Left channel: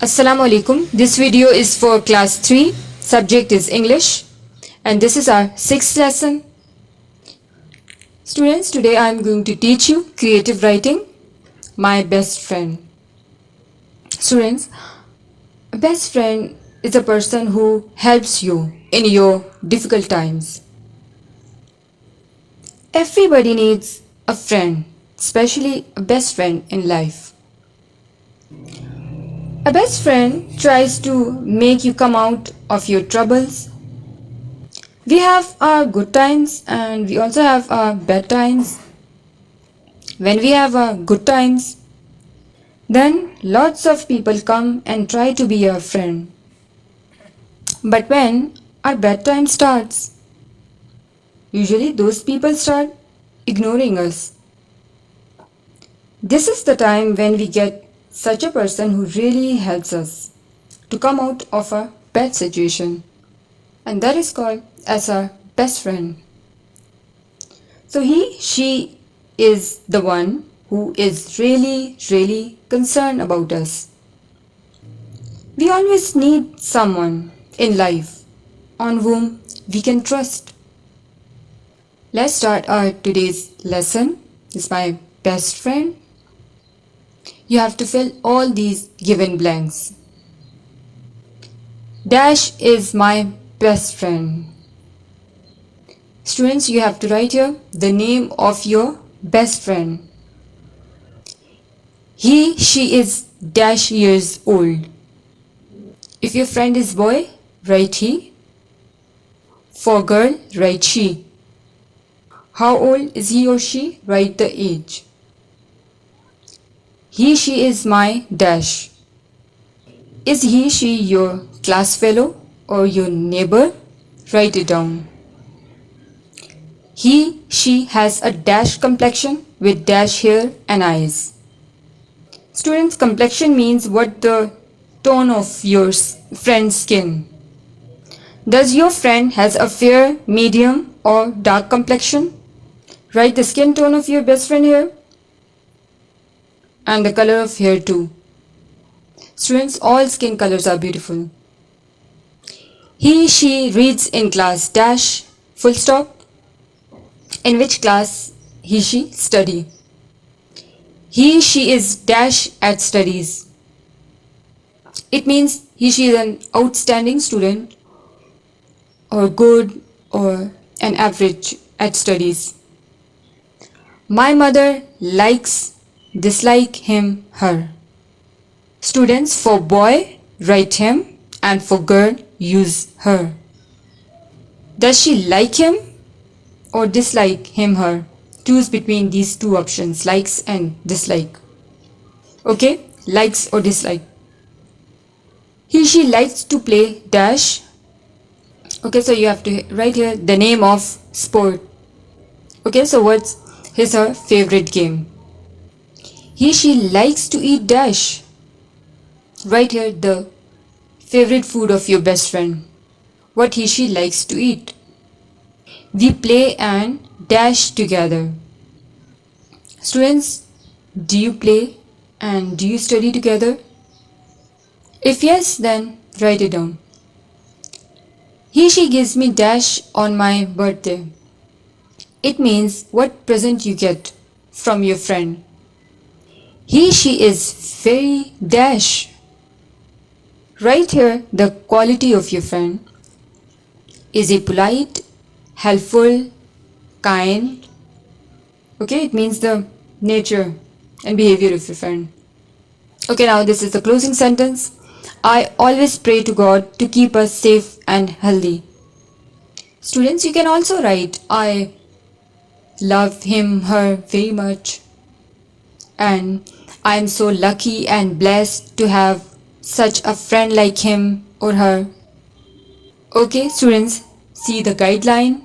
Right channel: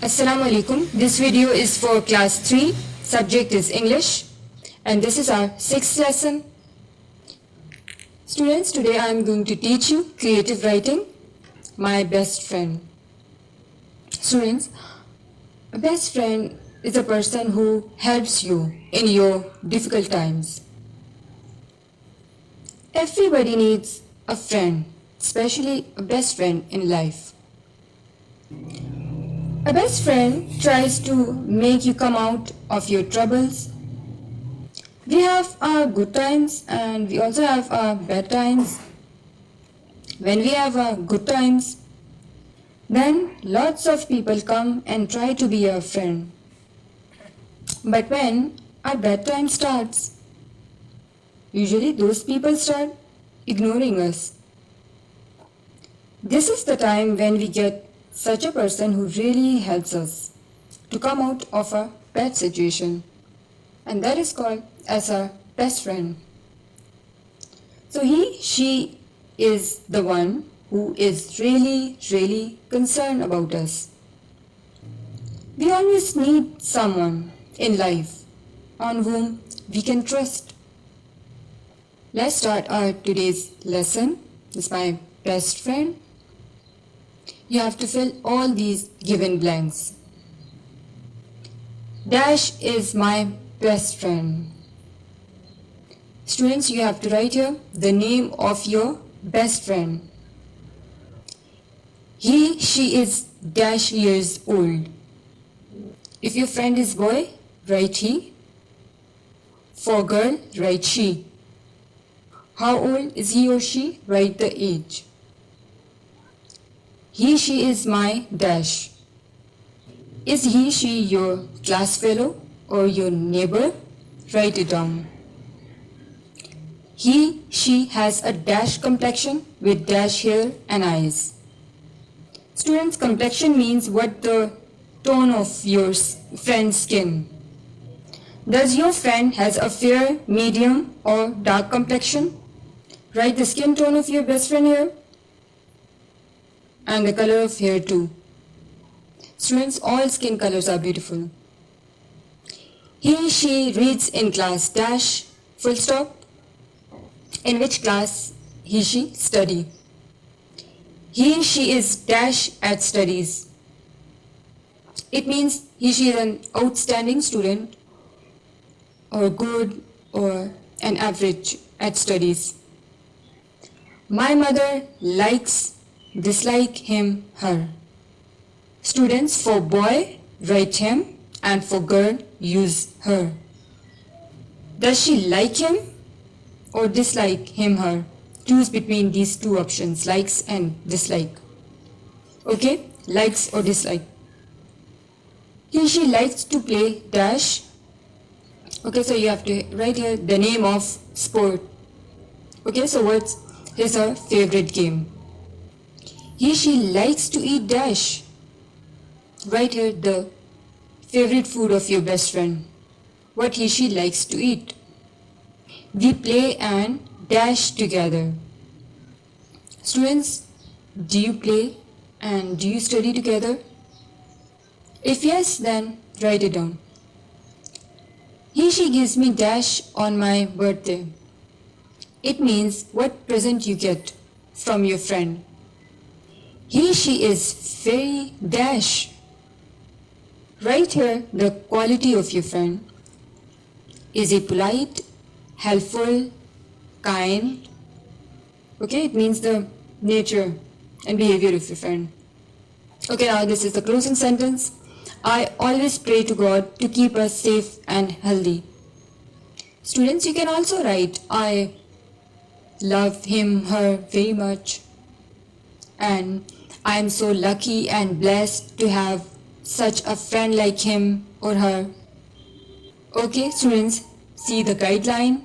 Assalamu alaikum. This video is for class 3. Subject is English and this is our 6th lesson. Students, today I am going to teach you creative writing, my best friend. Students, a best friend is a person who helps you in your difficult times. Everybody needs a friend, especially a best friend in life. A best friend tries to make you come out of your troubles. We have our good times and we also have our bad times. When we have our good times, then lots of people come and try to be our friend. But when our bad time starts, usually those people start ignoring us. This is the time when we get such a person who really helps us to come out of a bad situation, and that is called as our best friend. So she is the one who is really concerned about us. We always need someone in life on whom we can trust. Let's start our today's lesson. This is my best friend. You have to fill all these given blanks. Dash is my best friend. Students, you have to write here the name of your best friend. She is dash years old. If your friend is boy, write he. For girl, write she. How old is he or she? Write the age. She is my dash. Is she your class fellow or your neighbor? Write it down. She has a dash complexion with dash hair and eyes. Students, complexion means what the tone of your friend's skin. Does your friend has a fair, medium or dark complexion? Write the skin tone of your best friend here. And the color of hair too. Students, all skin colors are beautiful. She reads in class dash full stop. In which class she study? She is dash at studies. It means she is an outstanding student or good or an average at studies. My mother likes, dislike him, her. Students, for boy, write him, and for girl, use her. Does she like him or dislike him, her? Choose between these two options, likes and dislike. Okay, likes or dislike. She likes to play dash. Okay, so you have to write here the name of sport. Okay, so what's her favorite game? She likes to eat dash. Write here the favorite food of your best friend. What she likes to eat. We play and dash together. Students, do you play and do you study together? If yes, then write it down. She gives me dash on my birthday. It means what present you get from your friend. She is very dash. Write here the quality of your friend. Is he polite, helpful, kind? Okay, it means the nature and behavior of your friend. Okay, now this is the closing sentence. I always pray to God to keep us safe and healthy. Students, you can also write I love him, her very much. And I am so lucky and blessed to have such a friend like him or her. Okay, students, see the guideline.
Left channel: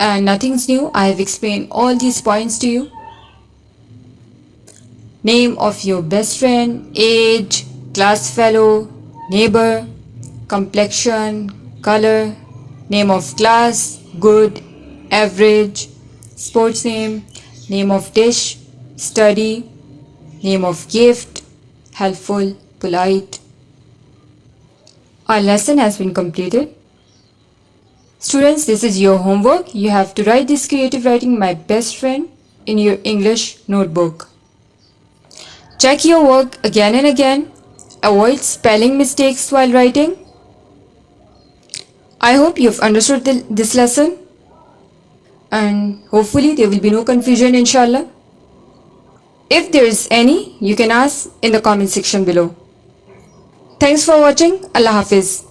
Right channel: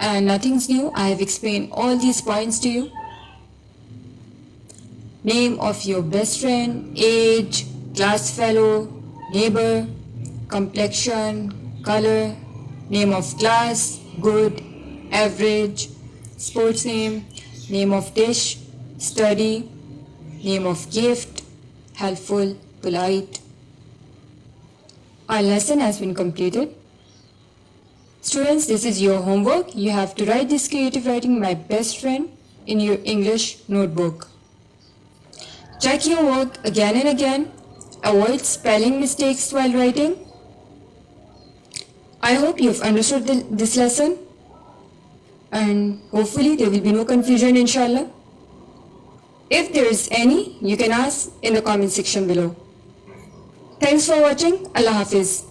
And nothing's new. I have explained all these points to you. Name of your best friend, age, class fellow, neighbor, complexion, color, name of class, good, average, sports name of dish, study, name of gift, helpful, polite. Our lesson has been completed. Students, this is your homework. You have to write this creative writing, my best friend, in your English notebook. Check your work again and again. Avoid spelling mistakes while writing. I hope you've understood this lesson, and hopefully there will be no confusion, inshallah. If there is any, you can ask in the comment section below. Thanks for watching. Allah Hafiz.